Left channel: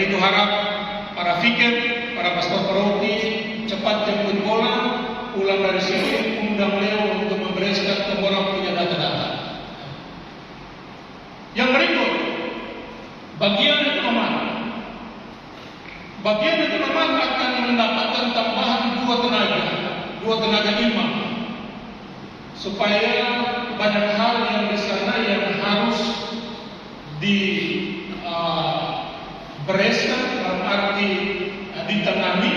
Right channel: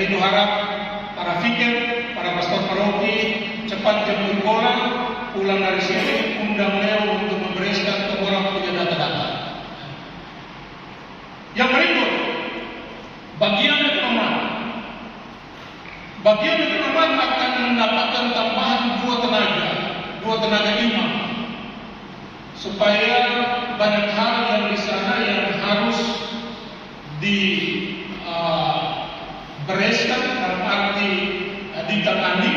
itu harap para fikir, para pastor paroki cepat jemput bola, pulang dari sini, undang beliau untuk membereskan ke bola punya data-data. Yang berikut, bagian ekonomi. Bagian ekonomi akan mendapatkan tambahan dua tenaga imam, supaya banyak hal yang di sana yang harus dibereskan dalam arti ditangani,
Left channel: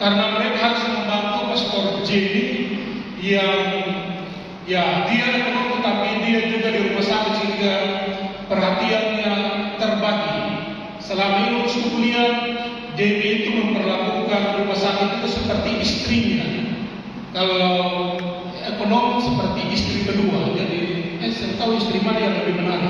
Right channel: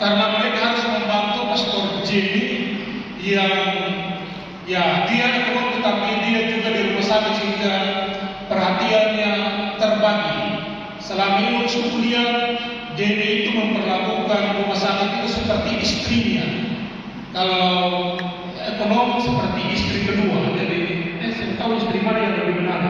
karena mereka harus membantu Pastor Jenny yang dia ekonom tetapi dia juga di rumah sakit sehingga perhatiannya terbagi. Selama ini waktu kuliah, Jenny itu memperlakukan rumah sakit itu seperti istrinya. Kalau ekonom seperti istri kedua, jadi saya tahu istri mana yang lebih benar.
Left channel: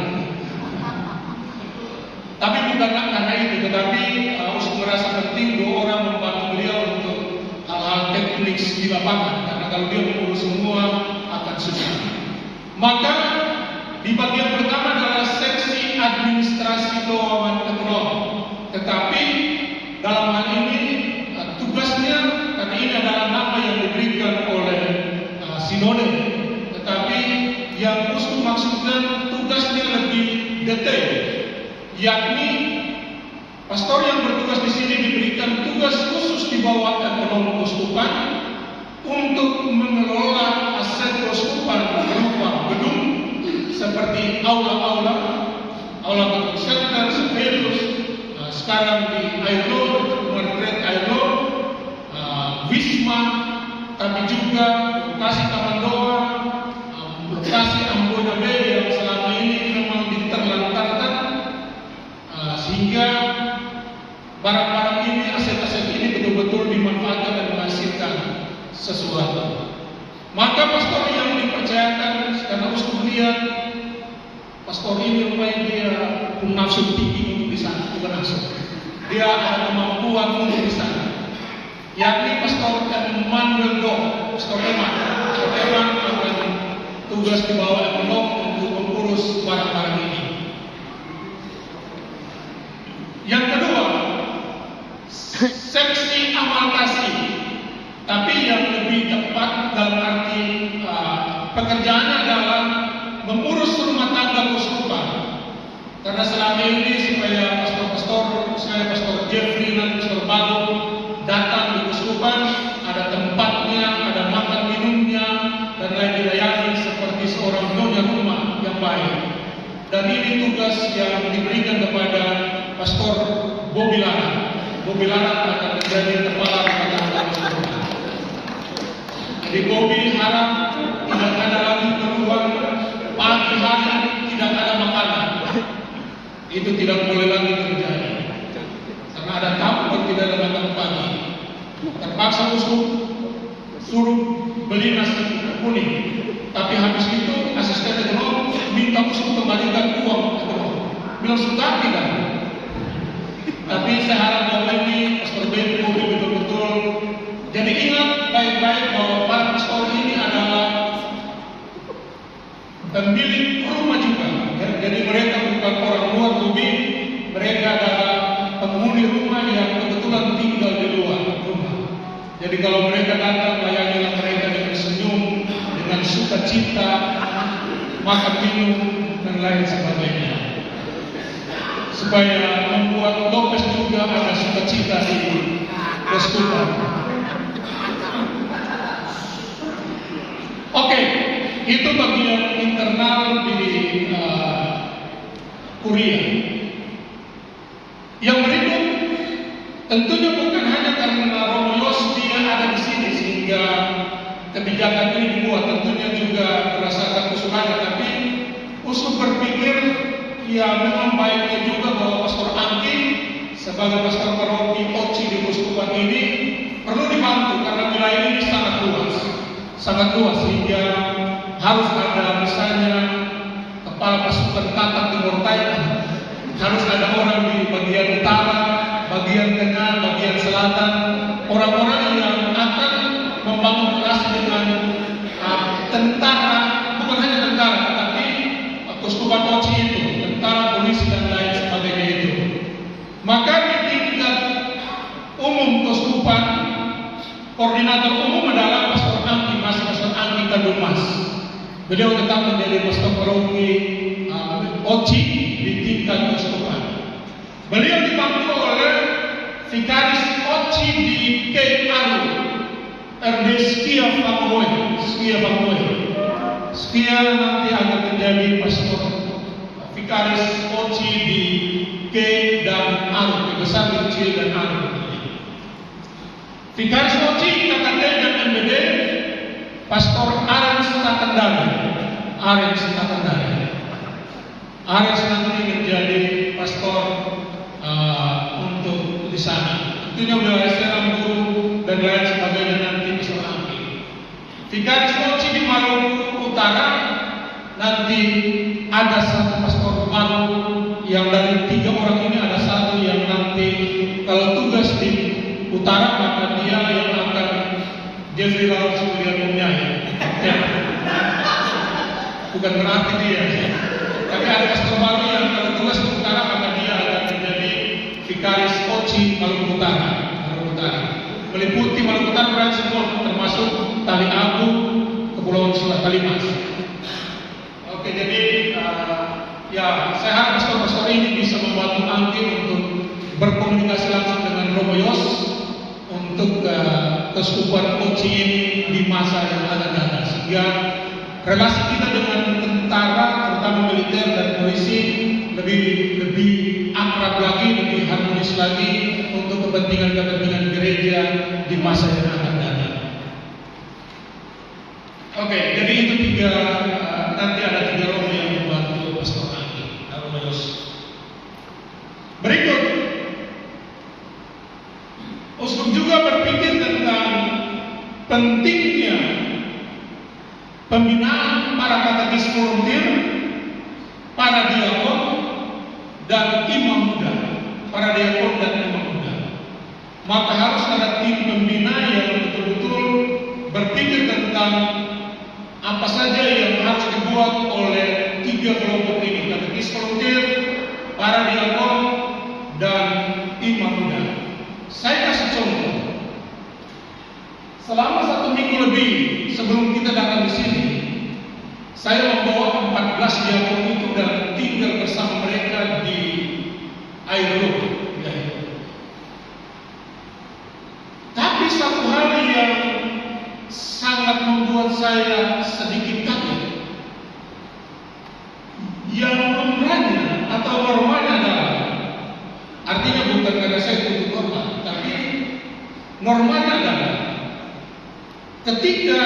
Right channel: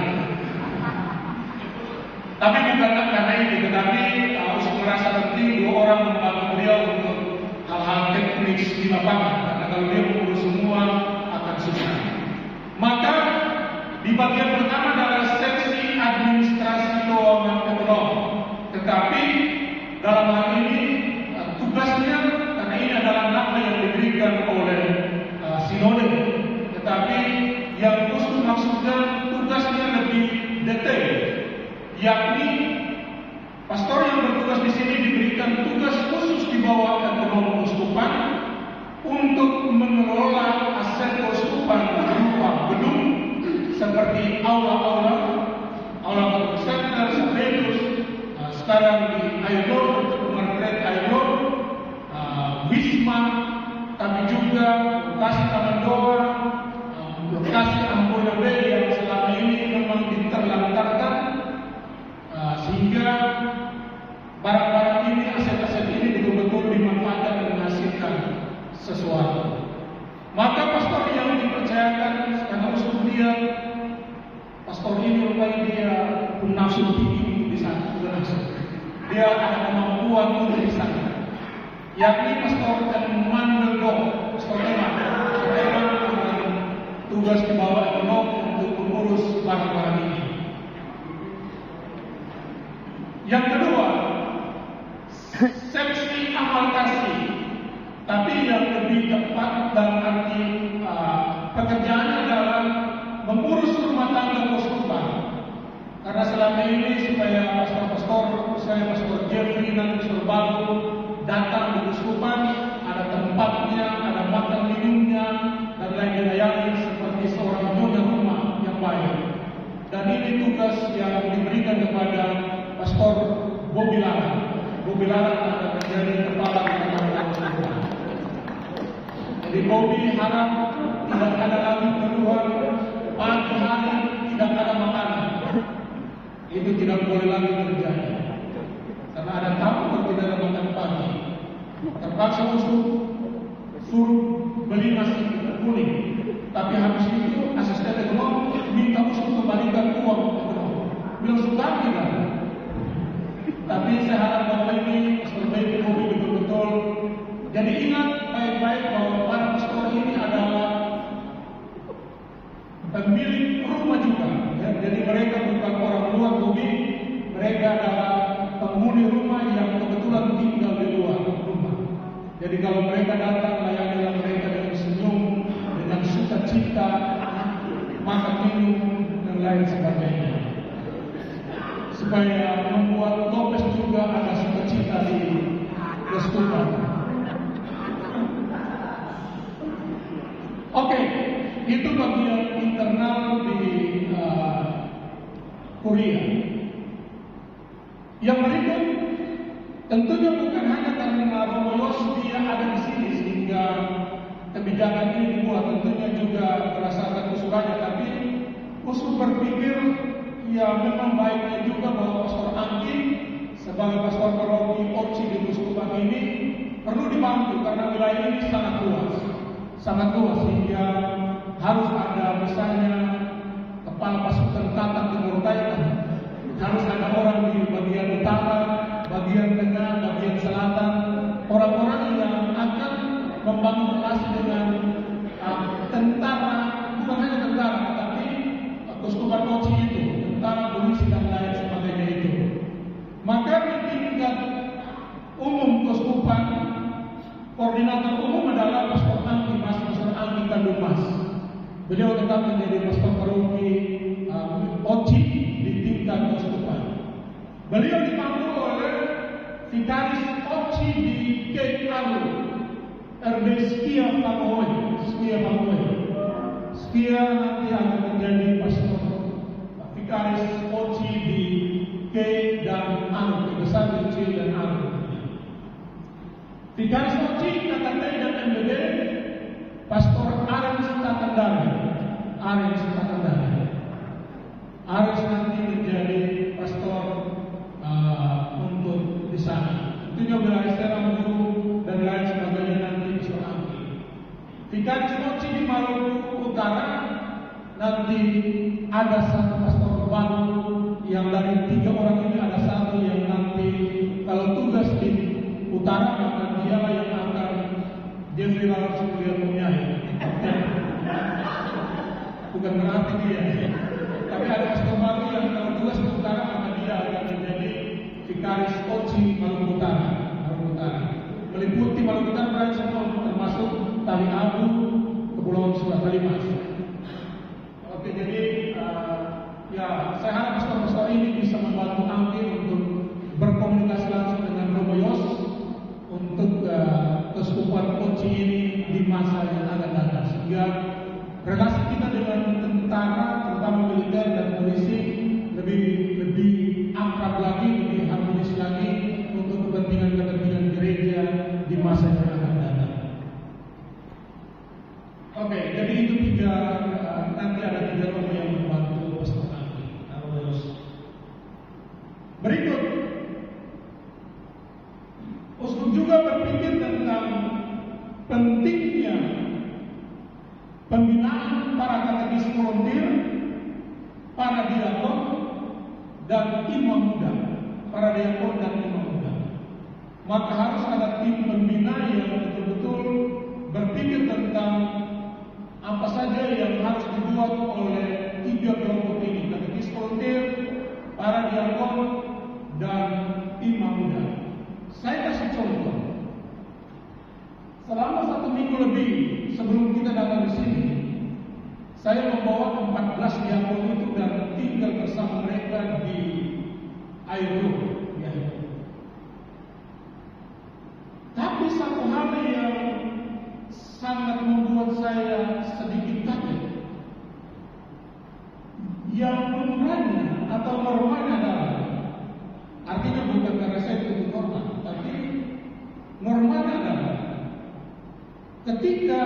Tapi bukan karena itu, tetapi harus merasa penting dua orang membantu beliau untuk hal-hal teknis di lapangan. Karena kalau dia mengurus semua akan susah. Maka di bagian pertama adalah seksi administrasi keuangan ekonomi. Tetapi dalam hal ini tugasnya, karena ini adalah nama yang diberikan oleh sinode, tetapi yang khusus maksudnya tugasnya lebih detail, yakni pastor yang bertugas di sini diberikan tugas khusus di bawah ekonomi keuskupan untuk mengelola aset keuskupan berupa gedung seperti aula Batuk Center, Severus, sekarang di Ailo, Rumah Rek Ailo, Wisma, tapi juga lokasi Taman Doa, lokasi Amboina Bay yang selama ini memang diterlantarkan, sehingga barang-barang ini, aset-aset ini betul-betul dimanfaatkan dan menghasilkan sesuatu. Maka pastor yang dipercayakan karena uskup dia, pastor ini rupanya dia punya nafsu tinggi untuk di sana, bukan nafsu. Dia ada kemampuan untuk di sana. Yakni Pastor Emmanuel Dong, Pastor Eman akan tugas di bawah ekonom untuk mengurus barang-barang ini. Yang kedua, seksi amal kasih, tapi yang lebih tepat dalam arti pekerjaannya adalah mengurus rumah tangga keuskupan. Karena selama ini supaya Pastor Jeffrey dan Pastor Baru datang di keuskupan, ada tempatnya, ada makan minumnya, dan lain dilayani seperti seorang nyonya rumah yang baik. Dan ini tugas yang diberikan kepada Pastor Bobi Lara. Bobi Lara akan menjadi kepala keuskupan. Jadi Bobi harap tidak ada lagi keluhan pagi hari tidak ada makanan. Itu tidak boleh lagi terjadi. Karena ada tamu tidak ada makan pagi. Terpaksa uskup suruh beli nasi kuning. Tapi habis itu asisten ekonom minta uskup kembalikan uang ekonom. Bilang sudah tidak. Tapi saya harap bahwa ini Pastor Bobi betul-betul. Jadi ingat baik-baik bahwa Pak Pastor ini adalah pemilik rumah juga. Ya, jadi mereka bukan orang luar Bobi, mereka adalah penghuni rumah yang kebetulan tinggal di luar rumah. Jadi kalau mereka datang, layanilah mereka dengan senyum, dengan sukacita, makan minum dan lain sebagainya, supaya membuat Lopez juga ada sukacita di keuskupan. Oke, itu bagian internal di Kuria. Yang berikut, tentunya bukan hanya karena Romeos dia ada di sini sehingga kebijakan ini dibuat. Tentunya juga berdasarkan usulannya, tapi usul berpikir ya memang baiknya juga bahwa Pastor Angki sebagai pastor paroki Oci di keuskupan ini perlu dibantu karena wilayah ini sangat luas sehingga harus ada misalnya kepala pasukan Tatak Timur Tengah, harus ada orang di bagian utara, bagian tengah, bagian selatan, orang-orang yang akan membangun relasi dengan tentara, bukan hanya tentara, tapi keuskupan Oci itu, tentara, polisi dan lain sebagainya itu. Beliau tetap menjadi pastor paroki Oci di tingkat keuskupan. Beliau dibantu oleh vikaris Oci di Keparu, Ernest Famoy. Skia nanti akan menjadi pastor vikaris Oci di K dan Aru, besar, kecil dan Aru. Vikaris Oci KKT dan MBD Pastor Arens Takandari. Arens nanti menjadi pastor untuk di sana. Tentunya wilayah Serang, Guru dan lain sebagainya nanti bisa ambil. Vikaris Oci di Maluku Utara nanti ada satu pastor baru yang dari 3 orang ini ada satu yang nanti kalau tugas di utara maka dia yang akan Jeffrey Lawrence Williamnya ya. Bukan berarti dia, tapi ada pastor baru yang kalau tugas di utara maka dia akan menjadi vikaris Oci Maluku Utara. Meliputi Maluku Utara dan semua termasuk Tali Abu, Kepulauan Selat Kalimas. Oke, jadi ya saya harap pastor-pastor ini bisa membantu Anggi untuk berkomunikasi langsung dengan Romo Yos untuk keuskupan Oci ini di masa yang akan datang, sehingga relasi kita dengan tentara, terutama militer dan polisi lebih akrab lagi, lebih harmonis lagi untuk kepentingan gereja di masa yang akan datang. Oke, jadi itu 3 nanti ada 3 romo yang membantu pastor Anggi. Berikut, uskup juga berpikir tentang pentingnya pembinaan para katekis volunteer, para diakon dan imam muda. Maka harus ada tim pembina yang betul-betul berpikir tentang apa saja yang harus dibuat oleh 3 kelompok ini: katekis volunteer, para diakon dan imam muda. Saya kasih contoh. Selama 1 minggu lebih sebelum kita datang di sini, saya membawa 14 diakon itu dan tinggal bersama mereka di Airolo. Tapi satu hal yang sangat membuat saya sedikit kaget, yang umumnya atau normalnya adalah, artinya bukan karena saya tutup normal, tapi normalnya adalah ketika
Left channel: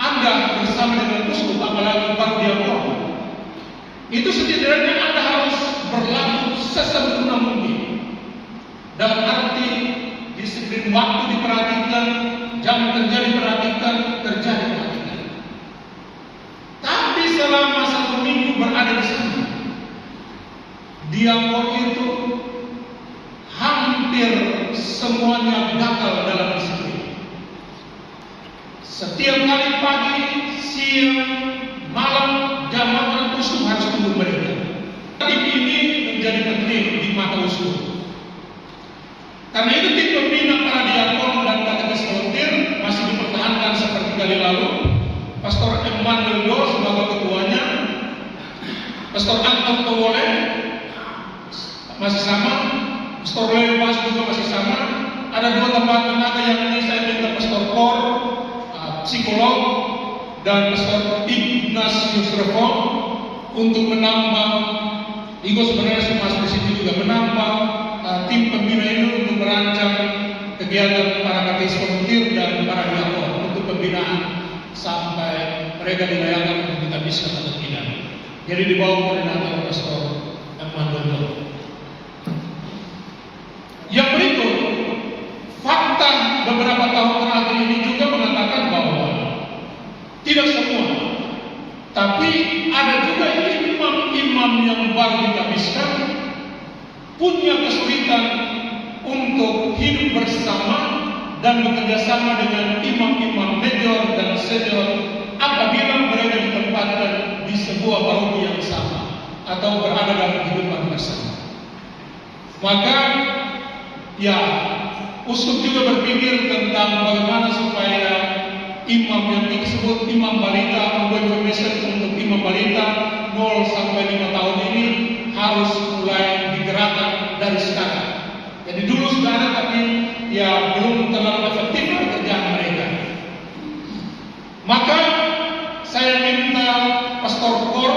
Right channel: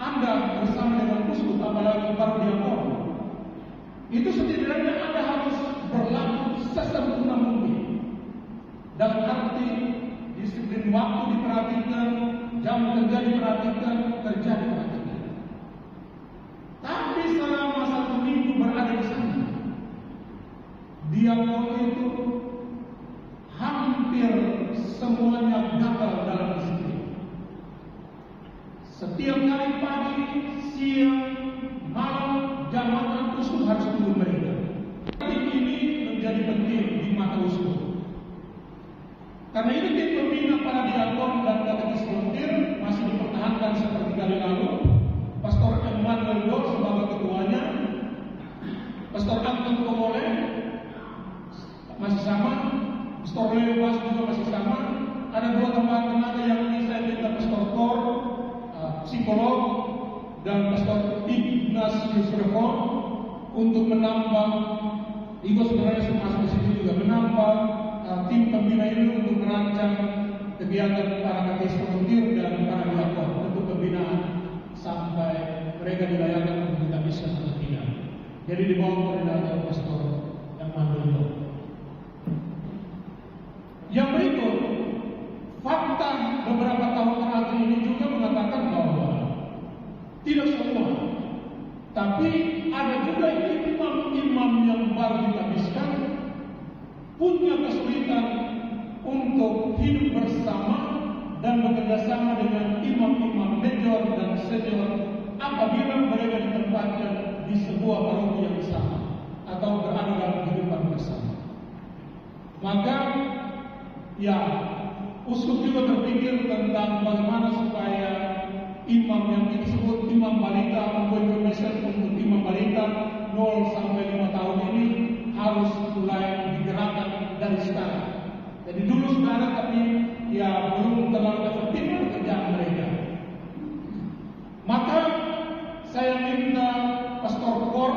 Anda bersama dengan uskup, apalagi para diakon, itu setidaknya Anda harus berlaku sesempurna mungkin. Dalam arti disiplin waktu diperhatikan, jam kerja diperhatikan, kerja diperhatikan. Tapi selama 1 minggu berada di sana, diakon itu hampir semuanya gagal dalam disiplin. Setiap kali pagi, siang, malam, jam makan uskup harus tunggu mereka. Tim ini menjadi penting di mata uskup. Karena itu tim pembina para diakon dan katekis volunteer masih dipertahankan seperti kali lalu. Pastor Emmanuel Do sebagai ketuanya, Pastor Anton Towole masih sama, Pastor Leo Mas juga masih sama. Ada 2 tambahan tenaga yang ini saya minta Pastor Kor, psikolog, dan Pastor Ignatius Revo untuk menambah. Igo sebenarnya masuk di sini juga menambah tim pembina ini untuk merancang kegiatan para katekis volunteer dan para diakon untuk pembinaan sampai mereka dilayangkan untuk kita bisa atau tidak. Jadi di bawah koordinator Pastor Emmanuel. Yang berikut, fakta beberapa tahun terakhir ini juga mengatakan bahwa tidak semua, tapi ada juga imam-imam yang baru dikabiskan punya kesulitan untuk hidup bersama dan bekerjasama dengan imam-imam major dan senior apabila mereka ditempatkan di sebuah paroki yang sama atau berada dalam kehidupan bersama. Maka ya, uskup juga berpikir tentang bagaimana supaya imam yang disebut imam balita, information untuk imam balita 0 sampai 5 tahun ini harus mulai digerakkan dari sekarang. Jadi dulu sudah ada, tapi ya belum terlalu efektif kerjaan mereka. Maka saya minta Pastor Kor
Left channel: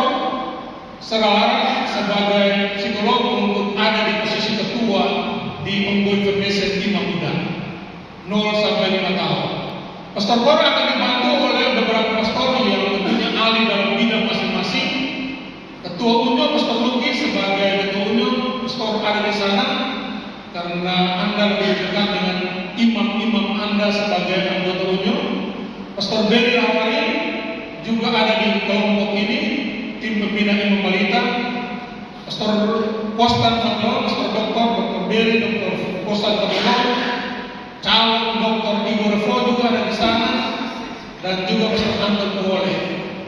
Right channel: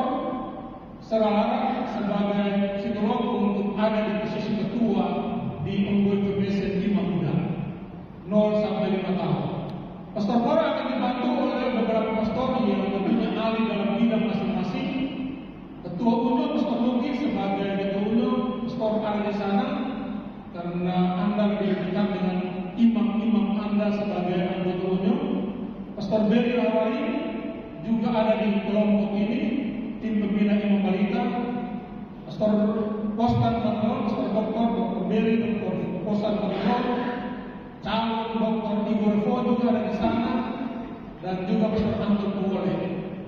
Serara sebagai psikolog untuk ada di posisi ketua di Ongoing Formation Imam Muda 0 sampai 5 tahun. Pastor Kor akan dibantu oleh beberapa pastor yang tentunya ahli dalam bidang masing-masing. Ketua Unyo Pastor Luki sebagai ketua Unyo, pastor ada di sana karena Anda lebih dekat dengan imam-imam Anda sebagai anggota Unyo. Pastor Beri Hawari juga ada di kelompok ini, tim pembina imam balita. Pastor Kostan Fatwa, Pastor Dr. Beri, Dr. Kostan Fatwa, calon Dr. Igor Flo juga ada di sana, dan juga Pastor Anton Powole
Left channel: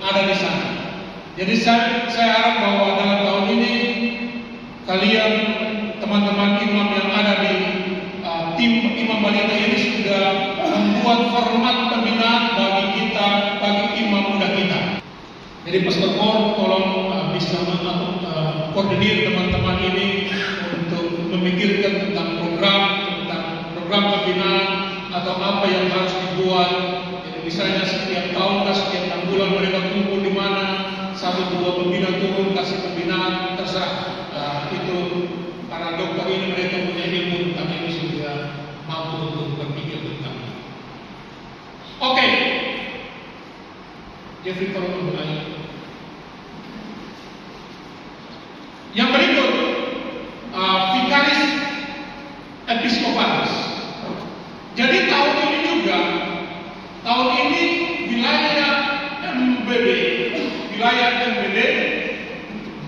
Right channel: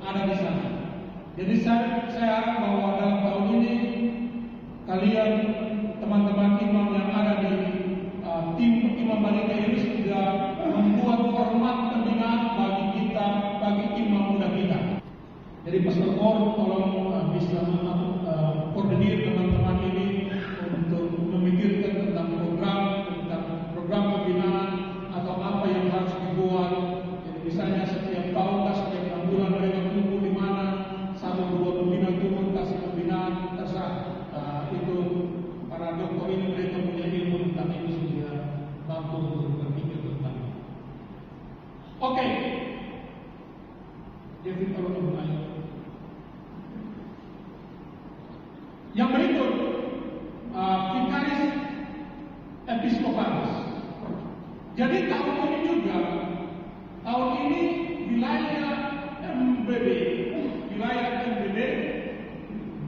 ada di sana. Jadi saya harap bahwa dalam tahun ini kalian teman-teman imam yang ada di tim imam balita ini sudah membuat format pembinaan bagi kita, bagi imam muda kita. Jadi Pastor Kor tolong bisa koordinir teman-teman ini untuk memikirkan tentang program pembinaan atau apa yang harus dibuat. Jadi misalnya setiap tahun, setiap 6 bulan mereka kumpul di mana, 1-2 pembina turun kasih pembinaan, terserah. Itu para dokter ini mereka punya ilmu tentang ini sudah mampu untuk berpikir tentang itu. Oke. Jeffrey tolong bertanya. Yang berikut, Vikaris Episkopalis. Jadi tahun ini wilayah MBD,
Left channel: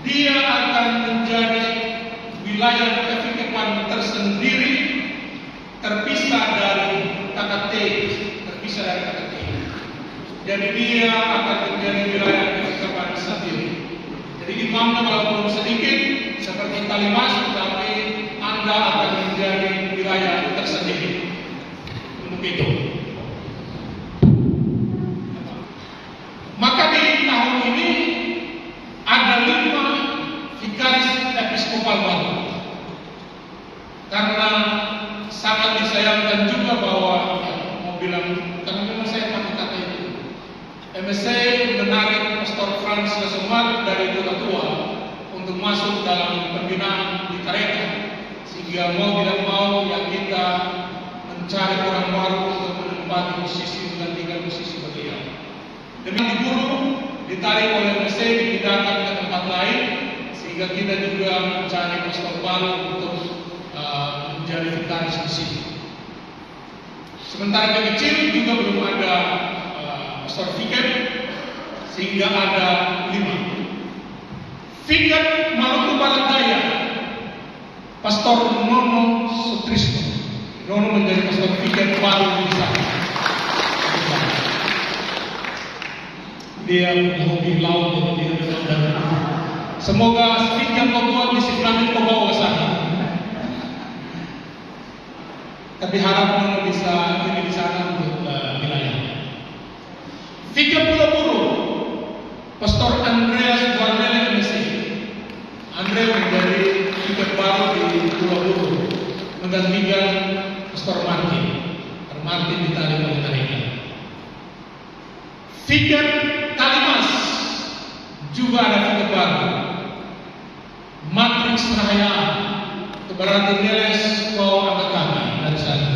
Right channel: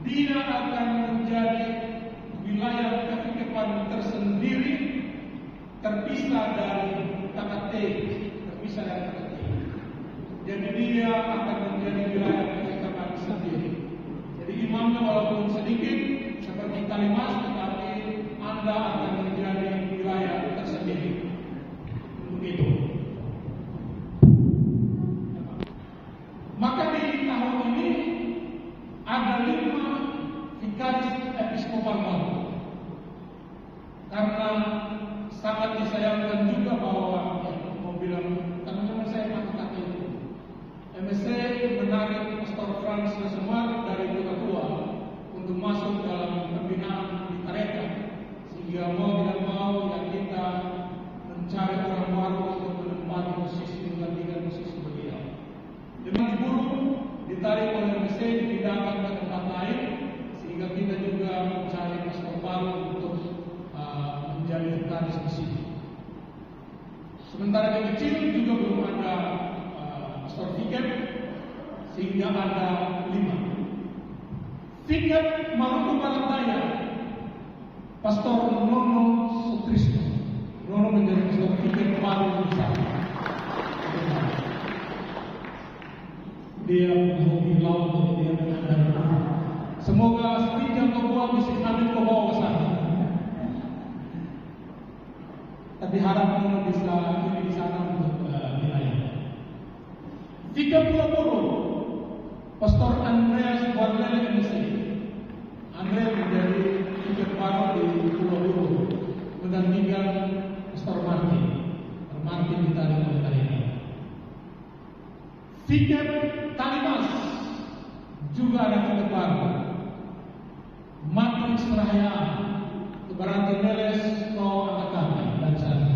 dia akan menjadi wilayah kepikepan tersendiri, terpisah dari KKT. Jadi dia akan menjadi wilayah kepikepan sendiri. Jadi imamnya walaupun sedikit seperti Kalimas, tapi Anda akan menjadi wilayah tersendiri. Untuk itu, maka di tahun ini ada 5 vikaris episkopal baru. Karena sangat disayangkan juga bahwa mau bilang, karena memang saya pakai kata itu, MSC menarik Pastor Frans Lesomar dari Kota Tua untuk masuk dalam pembinaan di Kareka, sehingga mau tidak mau yang kita mencari orang baru untuk menempati posisi, menggantikan posisi beliau. Demi dibunuh, ditarik oleh MSC, dipindahkan ke tempat lain, sehingga kita juga mencari pastor baru untuk menjadi vikaris di sini. Sementara yang kecil juga belum ada pastor vikat, sehingga ada 5. Vikat Maluku Barat Daya, Pastor Nono Sutrisno. Nono menjadi pastor vikat baru di sana. Dia hobi laut, jadi dia semoga vikat Papua bisa kami bawa ke sana. Tapi harap Nono bisa ini di sana untuk wilayah. Vikat Pulau Buru, Pastor Andreas Guarnele Messi. Andreas menjadi vikat baru di Pulau Buru, menggantikan Pastor Martin. Martin ditarik oleh mereka. Vikat Kalimas juga ada vikat baru. Matrix Rahaya, berarti Neles kau angkat kami dari sana.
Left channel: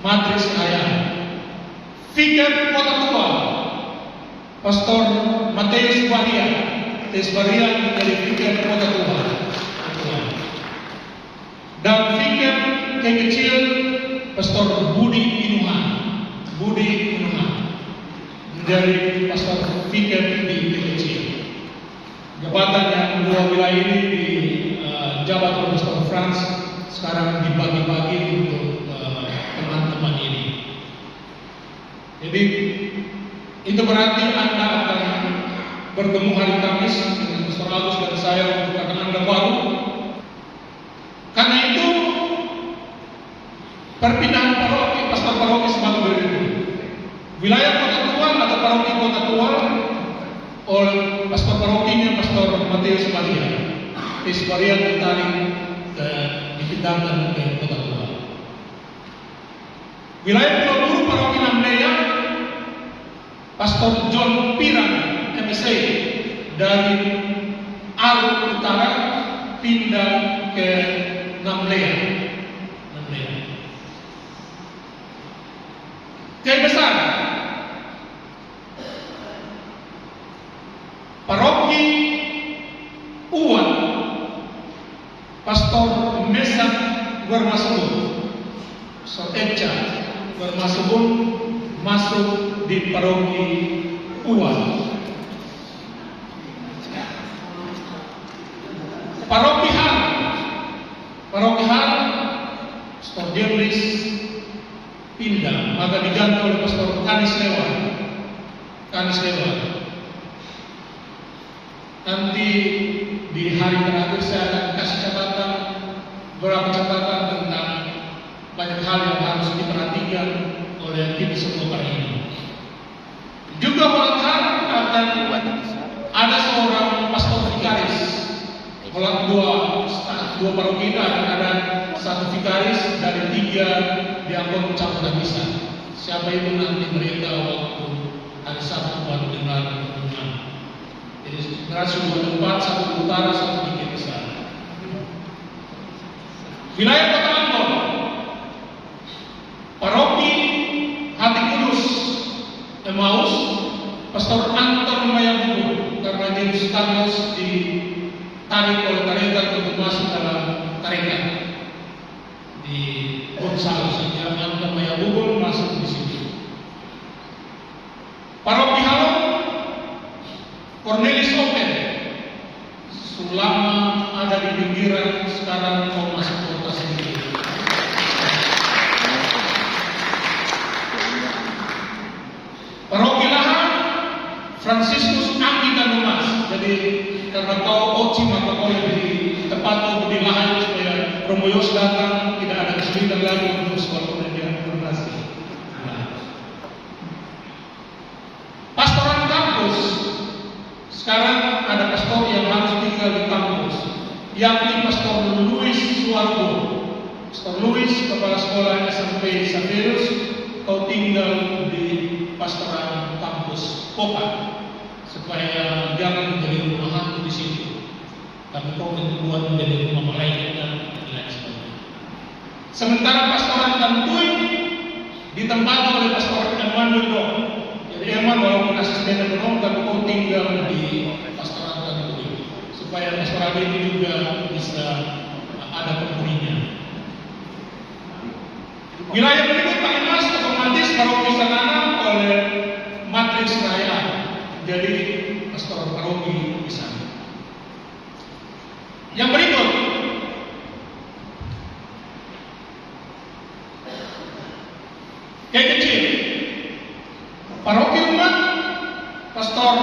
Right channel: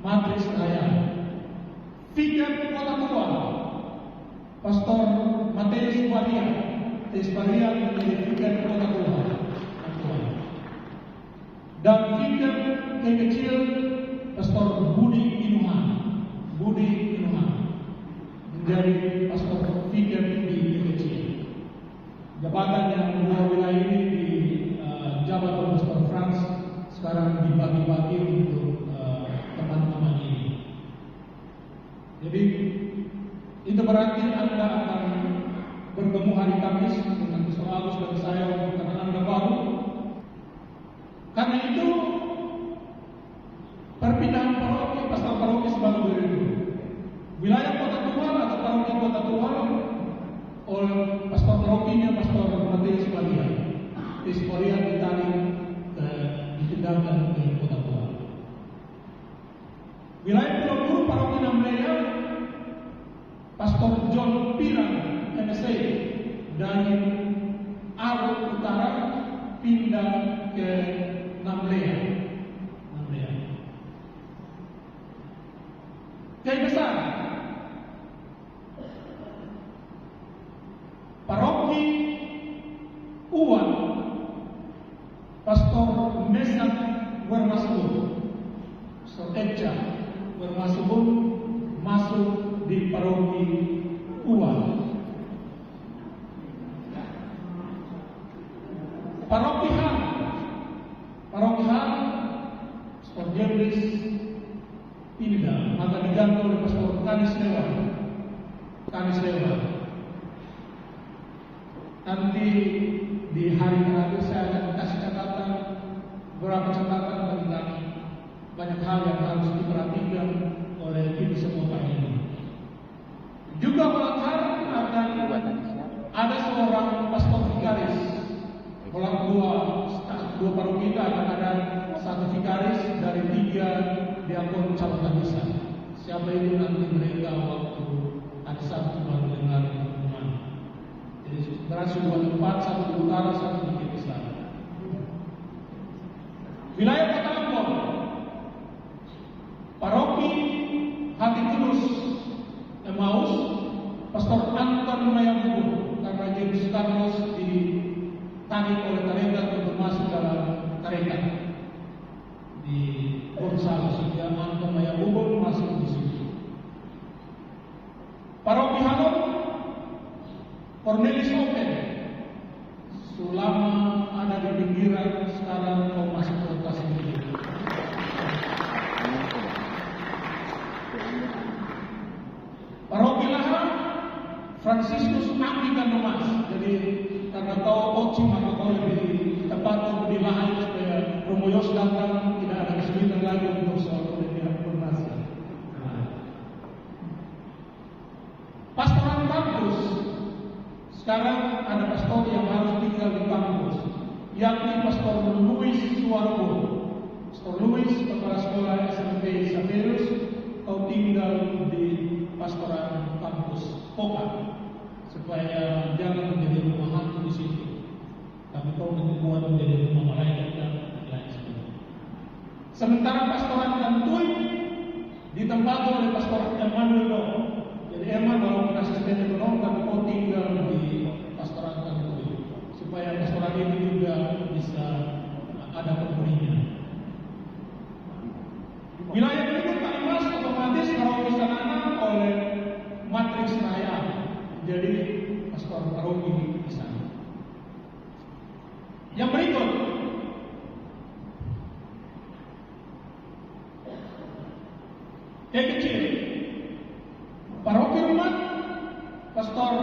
Matrix Rahaya. Vikat Kota Tua, Pastor Mateus Baria. Mateus Baria menjadi vikat Kota Tua. Dan vikat yang kecil Pastor Budi Inuhan. Menjadi pastor vikat di kecil. Jabatan yang 2 wilayah ini dijabat oleh Pastor Frans sekarang dibagi-bagi untuk teman-teman ini. Jadi itu berarti Anda akan bertemu hari Kamis dengan Pastor Agus dan saya untuk akan Anda baru. Karena itu perpindahan paroki, pastor paroki semakin berikut. oleh pastor parokinya, Pastor Matius Maria. Maria ditarik dipindahkan ke Kota Tua. Wilayah Pulau Buru Paroki Namlea, Pastor John Pirang MSA dari Arut Utara pindah ke Namlea. Kiai Besar Paroki Uwan, Pastor Mesak Warmasubun, Pastor Eca Warmasubun masuk di Paroki Uwan. Paroki Han, Pastor Jemlis pindah, maka diganti oleh Pastor Kanis Lewa. Nanti di hari terakhir saya akan kasih catatan, beberapa catatan tentang banyak hal yang harus diperhatikan oleh tim sekolah ini. Juga Walakar akan ada seorang pastor vikaris. Dua paroki akan ada satu vikaris dari 3 diakon campuran bisa. Siapa itu nanti mereka waktu hari Sabtu baru dengar pengumuman. Jadi sebenarnya sebuah tempat, satu di utara, satu di kiri besar. Wilayah Kota Ambon, Paroki Hati Kudus Emmaus, Pastor Anton Mayangku, karena James Carlos ditarik oleh tarekat untuk masuk dalam tarekat di Gonzalo, sehingga Anton Mayangku masuk di situ. Paroki Halong, Cornelis Open, selama ada di pinggiran, sekarang mau masuk kota sendiri. Paroki Lahan, Franciscus Anggita Numas. Jadi karena tahu Oci maka boleh di tempat di Lahan supaya Romo Yos datang, tidak ada kesulitan lagi untuk sekolah pendidikan donasi. Pastoran kampus, sekarang ada pastor yang harus tinggal di kampus, yakni Pastor Louis Suwargo. Pastor Louis, kepala sekolah SMP Saverus, kau tinggal di pastoran kampus Koka, supaya jangan menjadi rumah hantu di situ, tapi kau dibuat menjadi rumah malaikat dan lain sebagainya. Sementara pastoran Tantui ditempati oleh Pastor Emmanuel Dong. Jadi Eman walaupun asisten ekonomi, tapi kau tinggal di pastoran Tantui, supaya pastoran ini juga bisa ada penghuninya. Wilayah berikut paling mas otomatis paroki Sanana oleh Matrix Raya, jadi pastor paroki di sana. Yang berikut, kayak kecil, paroki umat, Pastor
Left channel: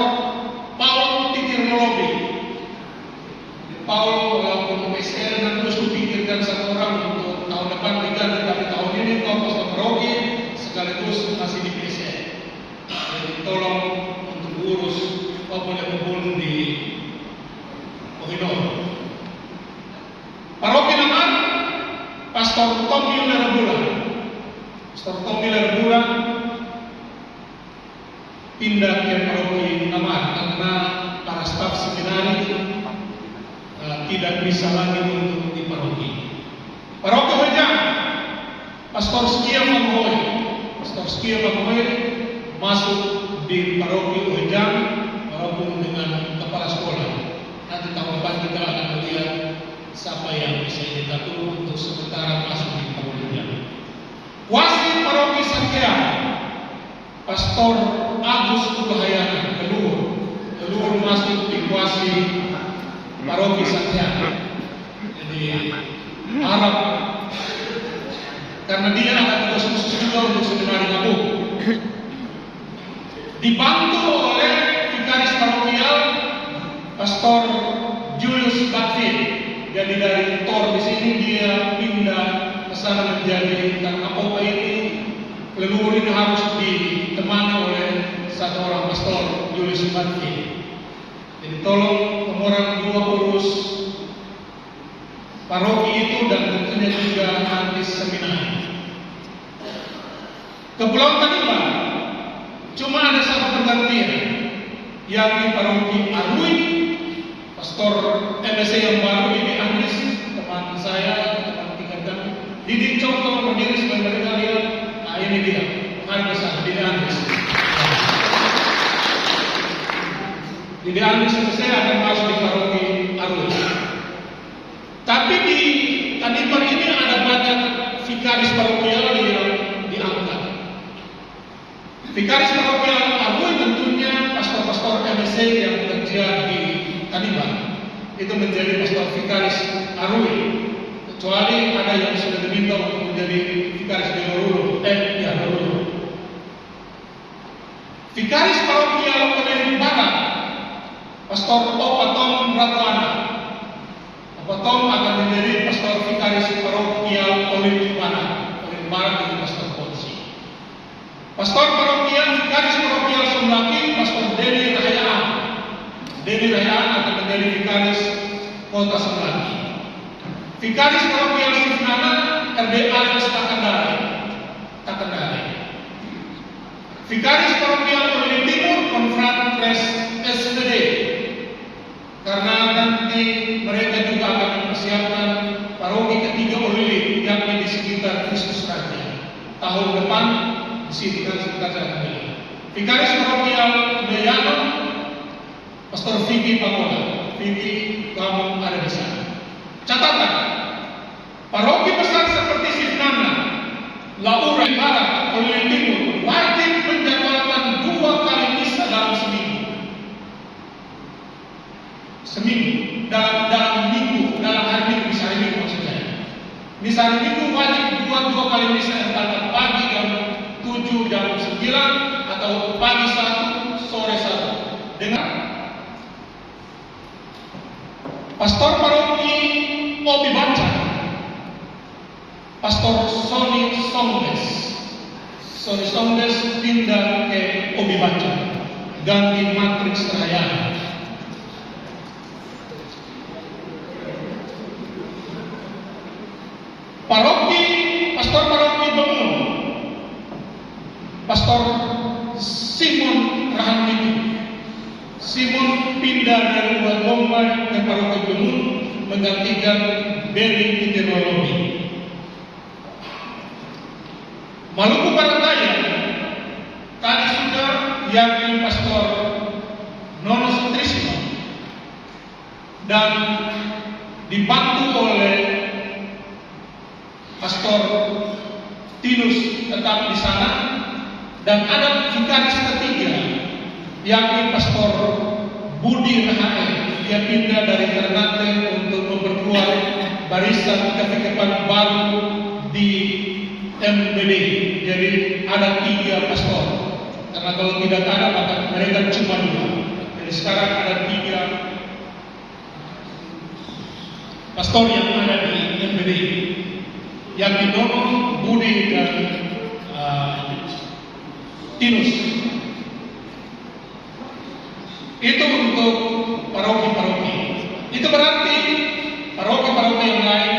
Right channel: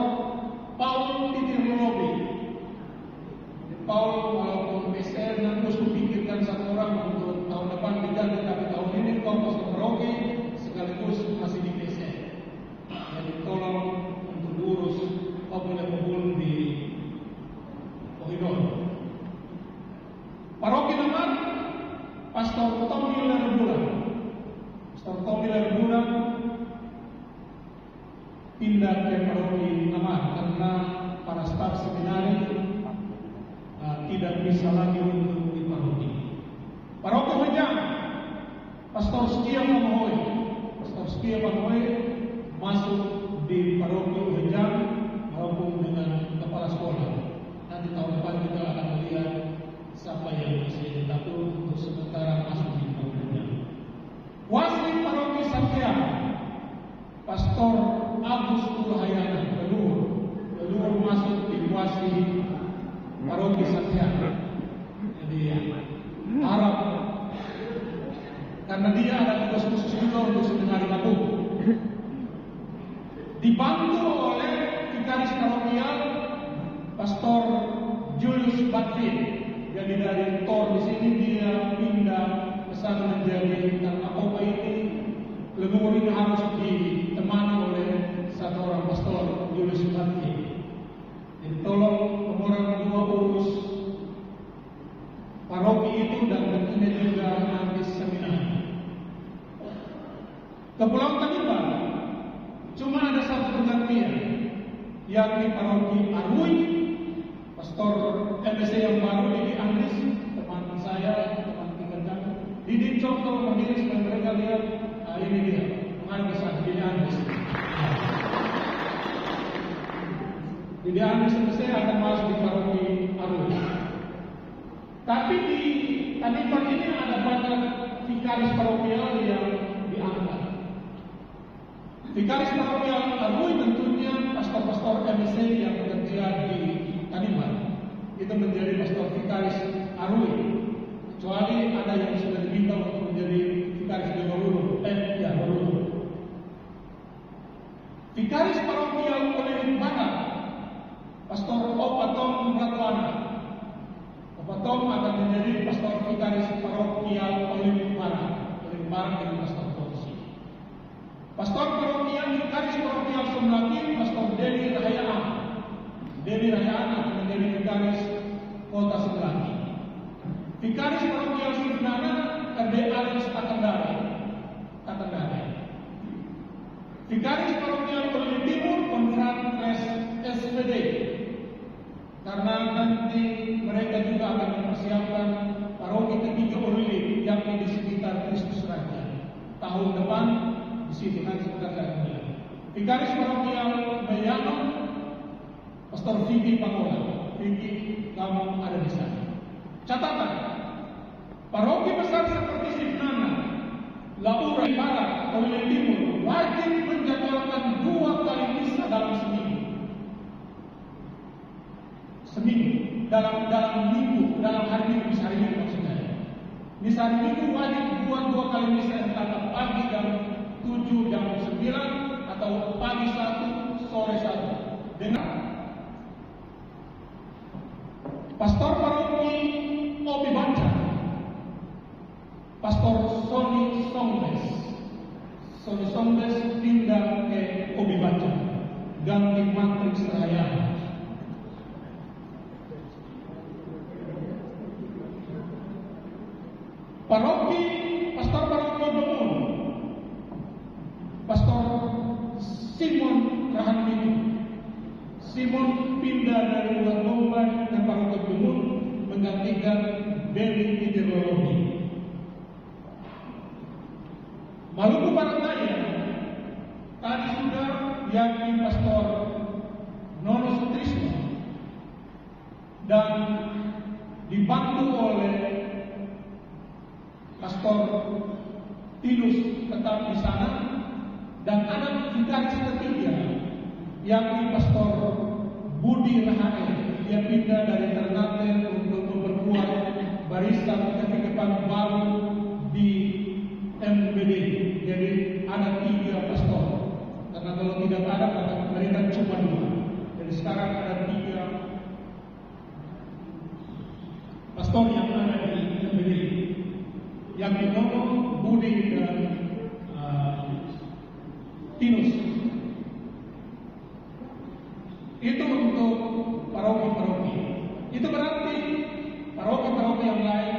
Paul Titirnolobi. Paul walaupun PSL dan terus dipikirkan satu orang untuk tahun depan diganti, tapi tahun ini kau pastor paroki sekaligus masih di PSL. Jadi tolong untuk urus kau punya kebun di Kohidor. Paroki Namar, Pastor Tommy Lerbulan. Pastor Tommy Lerbulan pindah ke paroki Namar karena para staf seminari tidak bisa lagi untuk di paroki. Paroki Hojang, Pastor Skia Mamoy. Pastor Skia Mamoy masuk di paroki Hojang walaupun dengan kepala sekolah. Nanti tahun depan kita akan melihat siapa yang bisa diatur untuk sementara masuk di paroki Hojang. Wasit paroki Sakya, Pastor Agus Tuhayana, Leluhur masuk di wasit paroki Sakya. Jadi harap karena dia ada tugas khusus juga untuk seminari Ngabung. Dibantu oleh vikaris parokial Pastor Julius Bakti. Jadi dari Tor di sini dia pindah ke sana menjadi karena apa ini leluhur ini harus ditemani oleh satu orang Pastor Julius Bakti. Jadi tolong orang dua urus paroki itu dan tentunya juga nanti seminar. Kepulauan Tanimbang cuma ada satu pergantian, yakni paroki Arui. Pastor MSC yang baru ini Andres, teman saya, teman tingkat kami. Didi contoh berdiri supaya mereka lihat. Nah, ini dia, pengarah besar, Didi Andres. Didi Andres MSC akan masuk di paroki Arui. Tapi di Tanimbang ini ada banyak vikaris parokial yang diangkat. Vikaris parokial Arui tentunya pastor-pastor MSC yang bekerja di Tanimbang itu menjadi pastor vikaris Arui, kecuali ada yang sudah diminta untuk menjadi vikaris di Orulu. Orulu. Vikaris parokial Pemilih Barat, Pastor Opatom Ratwana. Opatom akan menjadi pastor vikaris parokial Pemilih Barat. Pemilih Barat itu pastor Ponsi. Pastor parokial vikaris parokial Sumlaki, Pastor Denny Rahayaan. Denny Rahayaan akan menjadi vikaris Kota Sumlaki. Vikaris parokial Sifnana, RDA Takandare. Vikaris parokial Pemilih Timur, Konfratres SPD. Karena nanti mereka juga akan mempersiapkan paroki ketiga Olili yang di sekitar Kristus Raja. Tahun depan di situ kan sekitar saya. Vikaris parokial Meyano, Pastor Vicky Pamola. Vicky, kamu ada di sana. Catatan, paroki besar seperti Sifnana, Laura Barat, Oleh Timur wajib menjadwalkan 2 kali misa dalam seminggu. Dalam minggu, dalam hari minggu, misa hari minggu maksud saya. Misa hari minggu wajib buat 2 kali misa, antara pagi jam 7 jam 9 atau pagi 1 sore 1. Dengan Pastor paroki Obi Baca, Pastor Sony Songdes pindah ke Obi Baca, ganti matriks Rahayaan. Pastor paroki Bangun, Pastor Simon Rahanmiku. Simon pindah dari Luar Bombay ke paroki Bangun menggantikan Beri Ideologi. Maluku Barat Daya tadi sudah yakni Pastor Nono Sutrisno dan dibantu oleh Pastor Tinus tetap di sana, dan ada vikaris ketiga yakni Pastor Budi Rahae. Dia pindah dari Ternate untuk memperkuat barisan kekepan baru di MBD. Jadi ada 3 pastor, karena kalau tidak ada maka mereka cuma 2. Jadi sekarang ada 3 pastor yang ada di MBD, yang Nono, Budi dan Tinus. Itu untuk paroki-paroki. Itu berarti paroki-paroki yang lain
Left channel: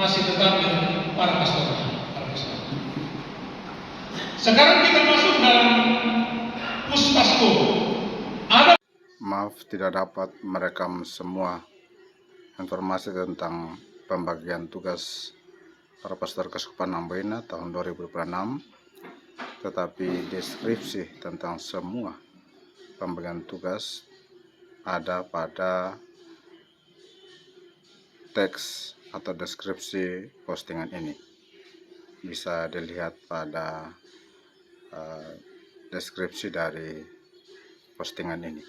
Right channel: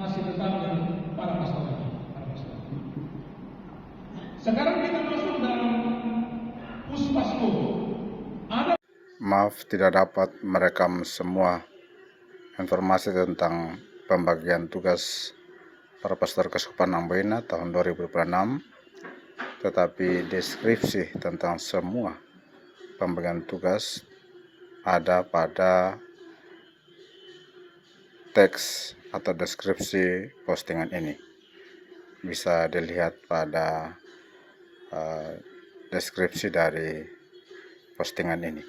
masih tetap dengan para pastor. Sekarang kita masuk dalam Puspasko. Maaf tidak dapat merekam semua informasi tentang pembagian tugas para pastor Keuskupan Amboina tahun 2026, tetapi deskripsi tentang semua pembagian tugas ada pada teks atau deskripsi postingan ini. Bisa dilihat pada deskripsi dari postingan ini.